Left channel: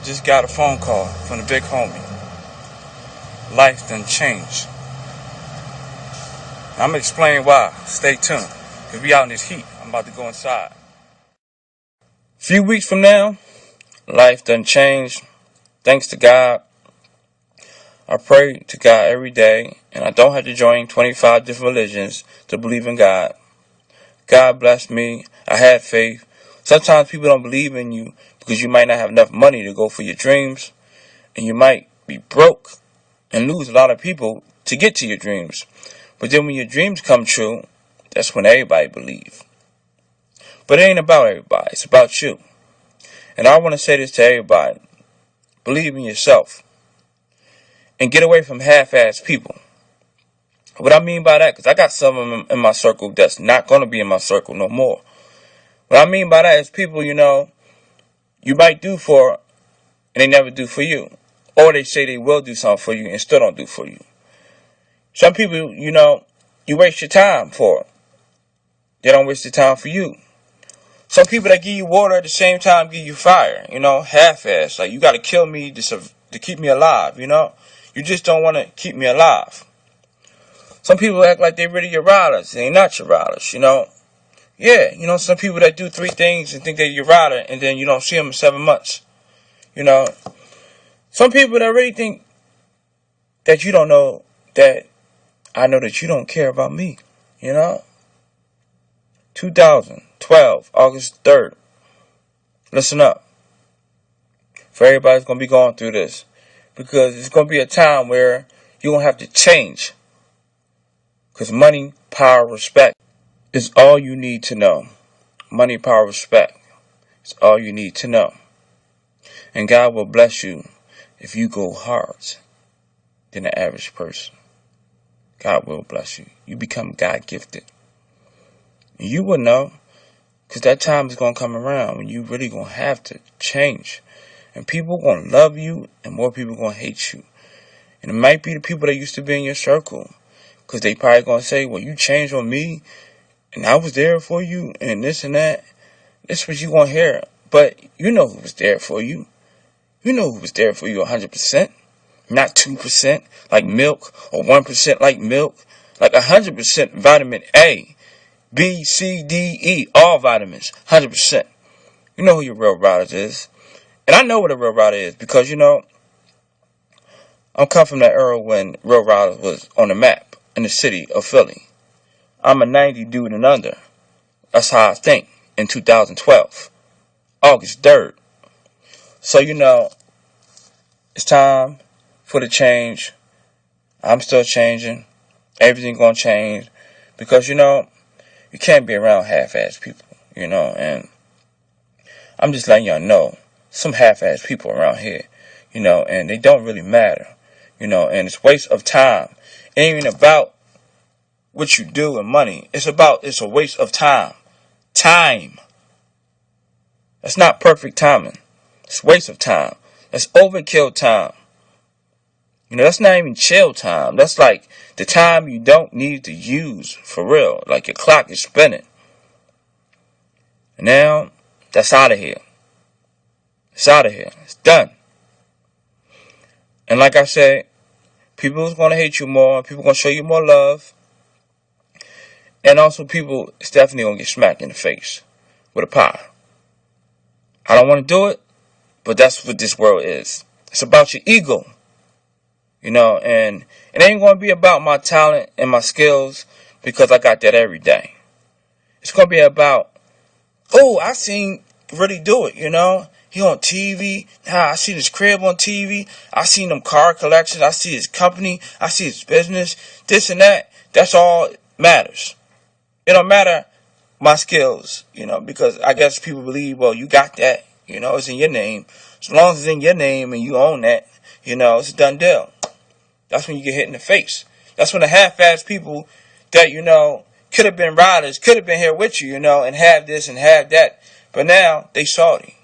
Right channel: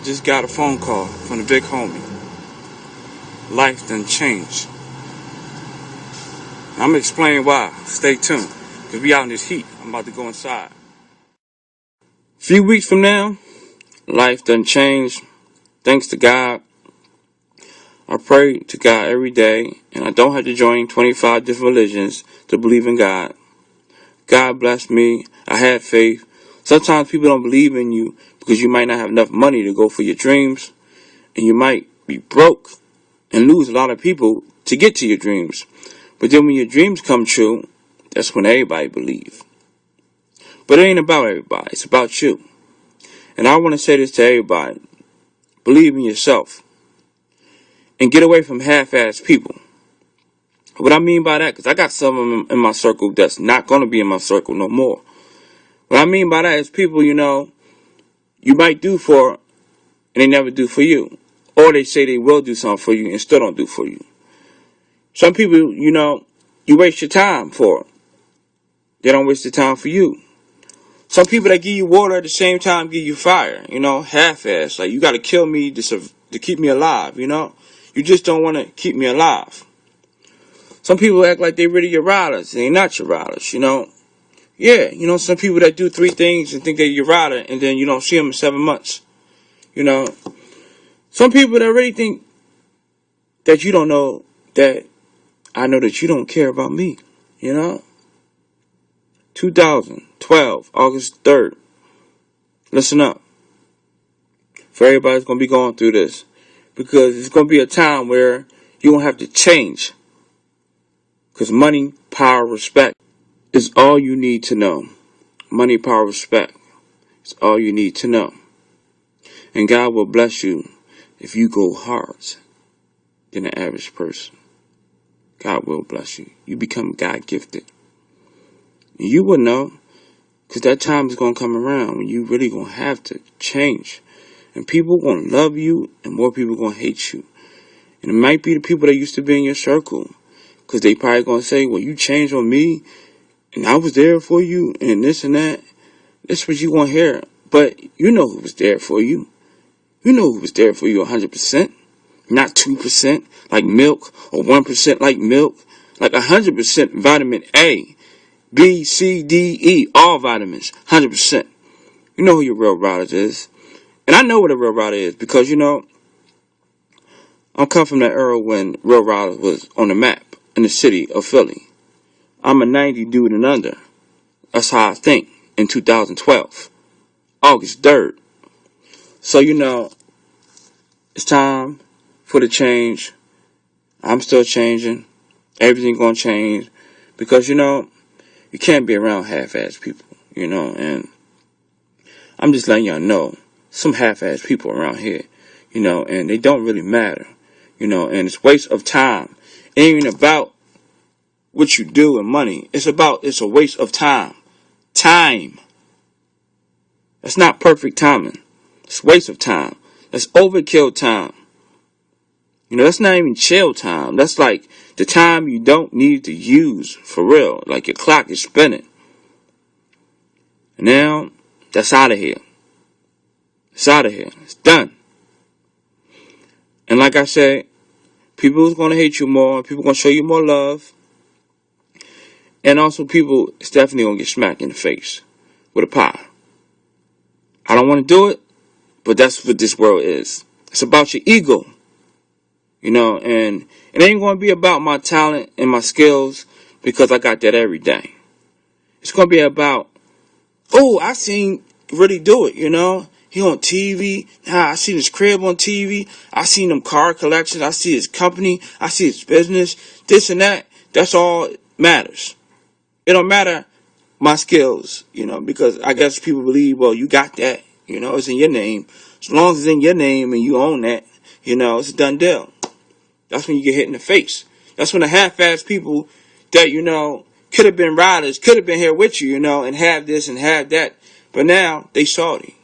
I just got a phone call from the big homie. Life done changed. I'm gonna explain why. Stay tuned. Cause we out in this heat. I'm about to go inside. A few weeks from now, life done changed. Thanks to God. I pray to God every day, and I don't have to join 25 different religions to believe in God. God blessed me. I had faith. Sometimes people don't believe in you because you might not have enough money to go for your dreams, and you might be broke and lose a lot of people to get to your dreams. But then when your dreams come true, that's when everybody believes. But it ain't about everybody. It's about you. And I want to say this to everybody. Believe in yourself. And get away from half-assed people. What I mean by that, because I got some of them in my circle that's not going to be in my circle no more. What I mean by that is people, you might do for and they never do for you. Or they say they will do something for you and still don't do for you. Some people, you waste your time for. They don't waste the time for you. Some people that give you water at the same time give you fire, half-assed. Like, you got to kill me to keep me alive, You just don't want to keep me alive. Some people act like they really your riders. They not your riders, Yeah, some people that do 3 things and think they're your rider and then you don't see them in 7 months. Some people that really think that you don't know that I know that you don't care about me, 2012, August 3rd. Listen up. For everybody's going to be going through this. Because it's going to be a time where you're going to have to change. Because money, power, respect is all you need to know. Money, power, respect is all you need to know. And God will bless you if you go hard than the average person. God will bless you. You become God gifted. And you will know. Because that time is going to come around when you really going to have to change. And people are going to love you and more people are going to hate you. And it might be the people that used to be in your circle. Because they probably going to say, well, you changed on me. And I was there for you. And this and that. That's what you going to hear. But you know who was there for you. You know who was there for you 100%. Not 2% like milk. Or 1% like milk. Like 100% vitamin A. B, C, D, E. All vitamins. 100%. You know who your real riders is. And I know what a real rider is. Because, I'm coming from that era when Real Riders was on the map in the city of Philly. I'm a 90 dude and under. That's how I think in 2012. August 3rd. So, it's time for the change. I'm still changing. Everything gonna change. Because, you can't be around half-assed people, and I'm just letting y'all know some half-assed people around here, and they don't really matter, and it's waste of time. It ain't even about what you do and money. It's a waste of time. Time. That's not perfect timing. It's waste of time. That's overkill time. That's not even chill time. That's like the time you don't need to use for real. Like your clock is spinning. And now, that's out of here. It's out of here. It's done. And like I said, people is going to hate you more. People going to show you more love. And also people is definitely going to get smacked in the face with a pie. I don't want to do it, but that's what this world is. It's about your ego. And it ain't going to be about my talent and my skills because I got that every day. It's going to be about, oh, I seen really do it, He on TV. I seen his crib on TV. I seen them car collections. I see his company. I see his business. This and that. That's all matters. It don't matter my skills, because I guess people believe, well, you got that. It's in your name. As long as it's in your name and you own that, it's a done deal. That's when you get hit in the face. That's when the half-assed people that, could have been riders, could have been here with you, and have this and have that. But now, they salty.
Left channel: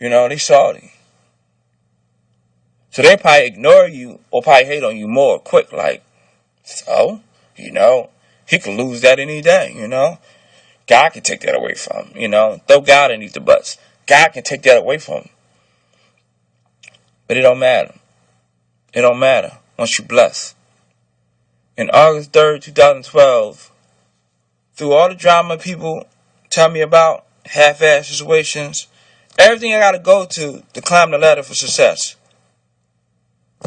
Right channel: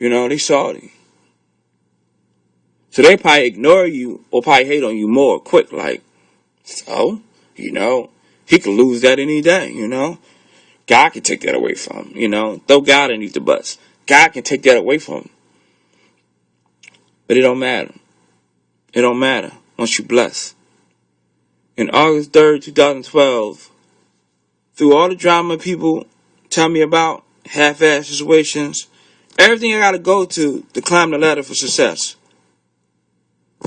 They salty. So they probably ignore you or probably hate on you more quick. Like, so, he could lose that any day, God can take that away from him, Throw God underneath the bus. God can take that away from him. But it don't matter. It don't matter once you bless. In August 3rd, 2012, through all the drama people tell me about, half-ass situations, everything I gotta go to climb the ladder for success,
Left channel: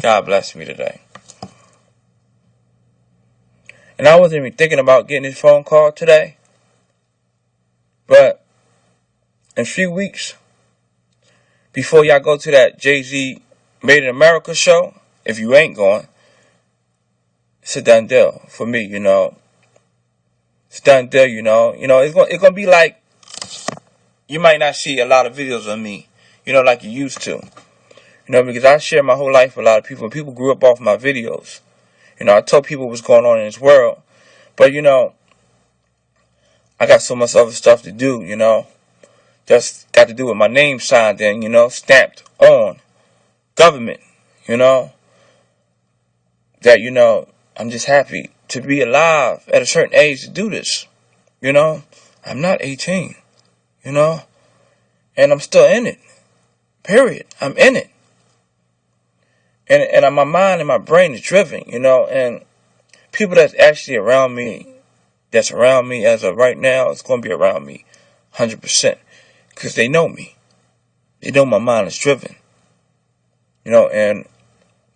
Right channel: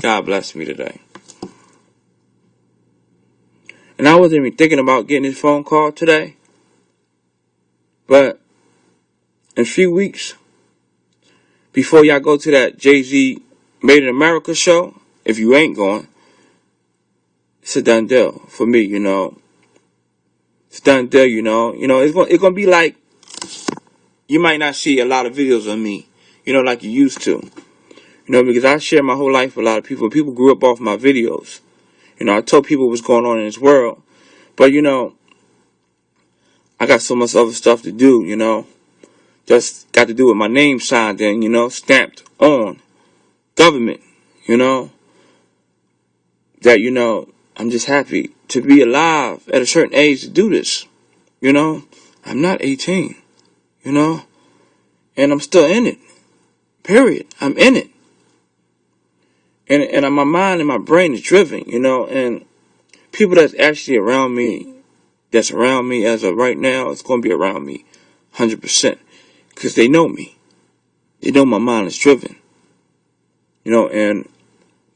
God bless me today. And I wasn't even thinking about getting this phone call today. But in a few weeks, before y'all go to that Jay-Z Made in America show, if you ain't going, it's a done deal for me, you know. It's a done deal, you know. You know, it's gonna be like, you might not see a lot of videos of me, you know, like you used to. You know, because I share my whole life with a lot of people. People grew up off my videos. You know, I told people what's going on in this world. But, you know, I got so much other stuff to do, you know. Just got to do with my name signed in, you know, stamped on government, you know. That, you know, I'm just happy to be alive at a certain age to do this, you know. I'm not 18, you know. And I'm still in it. Period. I'm in it. And my mind and my brain is driven, you know. And people that's actually around me, as of right now, it's going to be around me 100%. Because they know me. They know my mind is driven. You know, and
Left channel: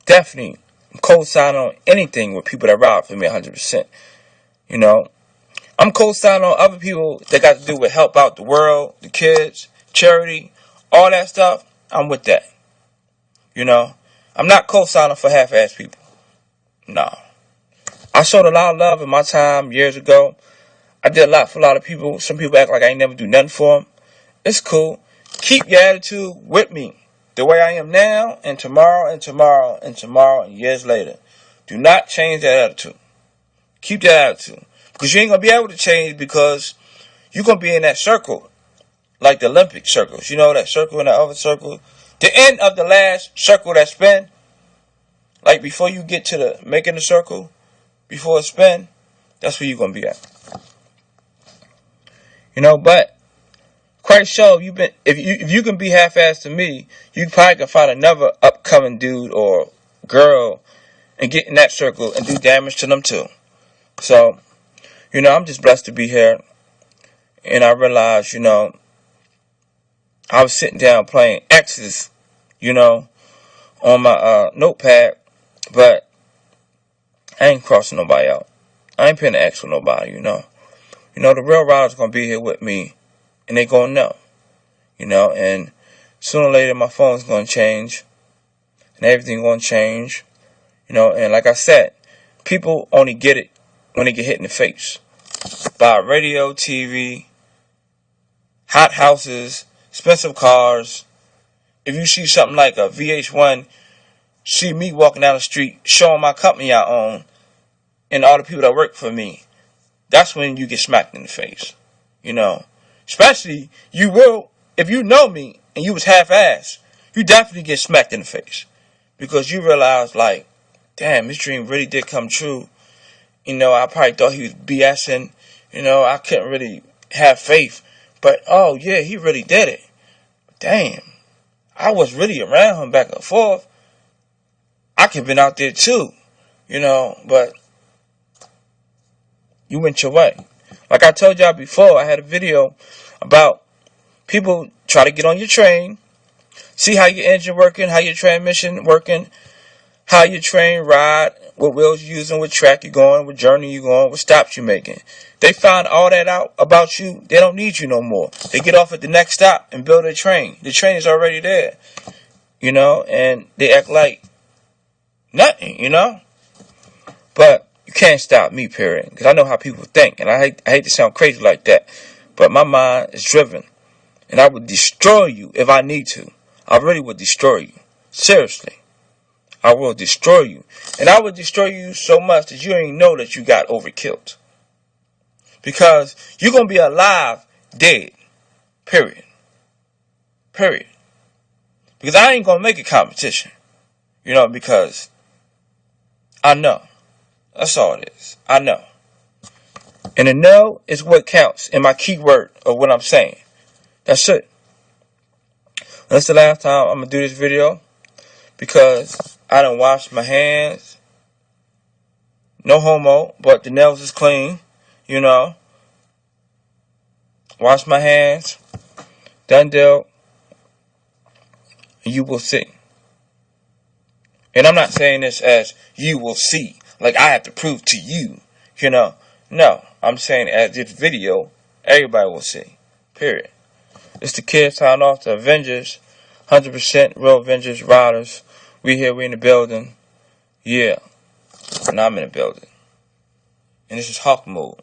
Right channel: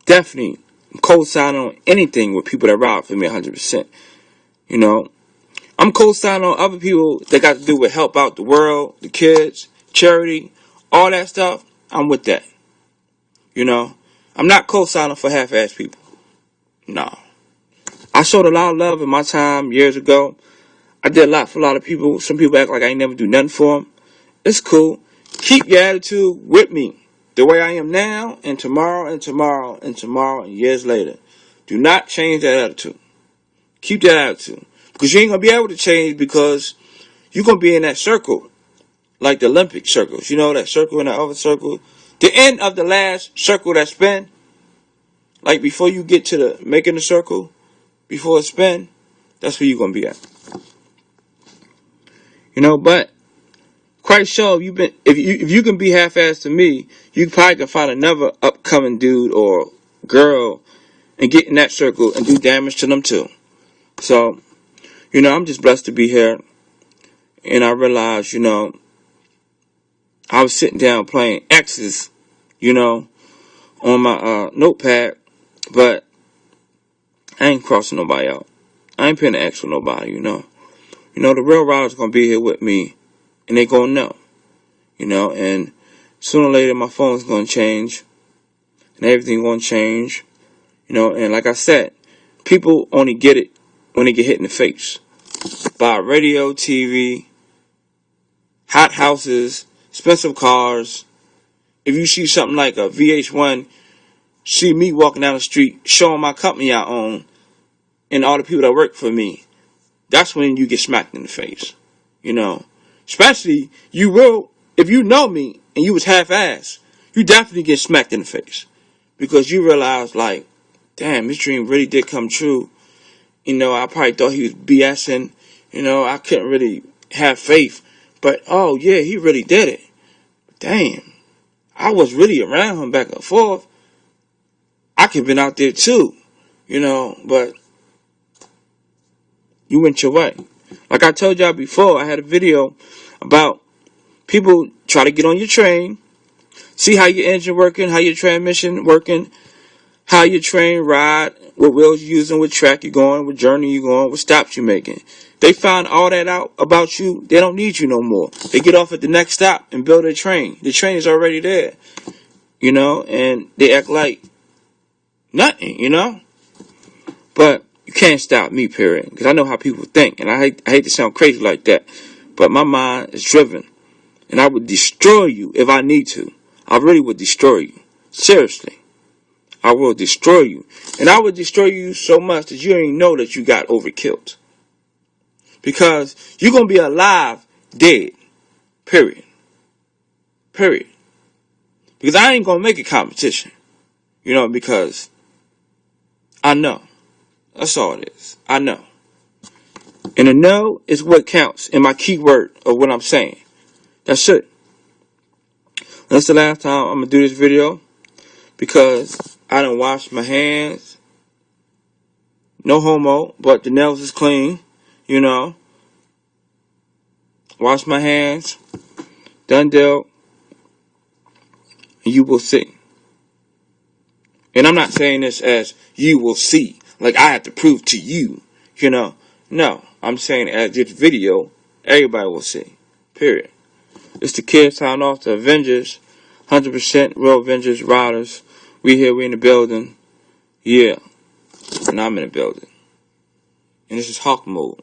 definitely, I'm co-signing on anything with people that ride for me 100%. You know, I'm co-signing on other people that got to do with help out the world, the kids, charity, all that stuff. I'm with that. You know, I'm not co-signing for half-ass people. No. I showed a lot of love in my time years ago. I did a lot for a lot of people. Some people act like I ain't never do nothing for them. It's cool. Keep your attitude with me. The way I am now, and tomorrow, and tomorrow, and tomorrow, and years later. Do not change that attitude. Keep that attitude. Because you ain't going to be able to change, because you're going to be in that circle. Like the Olympic circles. You know, that circle and that other circle. The end of the last circle that spin. Like before you get to the making the circle. Before it spin. That's where you're going to be at. You know, but quite sure if you can be half-assed to me, you probably can find another upcoming dude or girl and get in that circle and do damage to them too. So, you know, I'm just blessed to be here. And I realized, you know, I was sitting down playing X's, you know, on my notepad, but I ain't crossing nobody out. I ain't putting an X with nobody, you know. You know, the real riders gonna be here with me, and they gonna know, you know, and sooner or later my phone's gonna change, and everything gonna change, you know, and like I said, people only get it when they get hit in the face by radio, TV, hot houses, expensive cars. If you see something like a VH1, see me walking down the street showing my company I own and all the people that work for me, that's when you get smacked in the face, you know. Especially, you will, if you know me and you was half-assed, you definitely get smacked in the face. Because you realize, like, damn, his dream really did come true. You know, I probably thought he was BSing. You know, I couldn't really have faith. But, oh, yeah, he really did it. Damn. I was really around him back and forth. I could have been out there too. You know, but you went your way. Like I told y'all before, I had a video about people try to get on your train, see how your engine working, how your transmission working, how your train ride, what wheels you're using, what track you're going, what journey you're going, what stops you're making. They find all that out about you. They don't need you no more. They get off at the next stop and build a train. The train is already there, you know, and they act like nothing, you know. But you can't stop me, period, because I know how people think, and I hate to sound crazy like that, but my mind is driven, and I would destroy you if I need to. I really would destroy you. Seriously. I will destroy you. And I will destroy you so much that you don't even know that you got overkilled. Because you're going to be alive, dead. Period. Period. Because I ain't going to make a competition. You know, because I know. That's all it is. I know. And the know is what counts in my keyword of what I'm saying. That's it. That's the last time I'm going to do this video. because I done washed my hands. No homo, but the nails is clean. You know. Wash my hands. Done dealt. And you will see. And I'm not saying this as you will see. Like I have to prove to you. You know. No. I'm saying as this video, everybody will see. Period. It's the kid signing off to Avengers. 100% real Avengers riders. We here, we in the building. Yeah. And I'm in the building. And this is Hawk mode.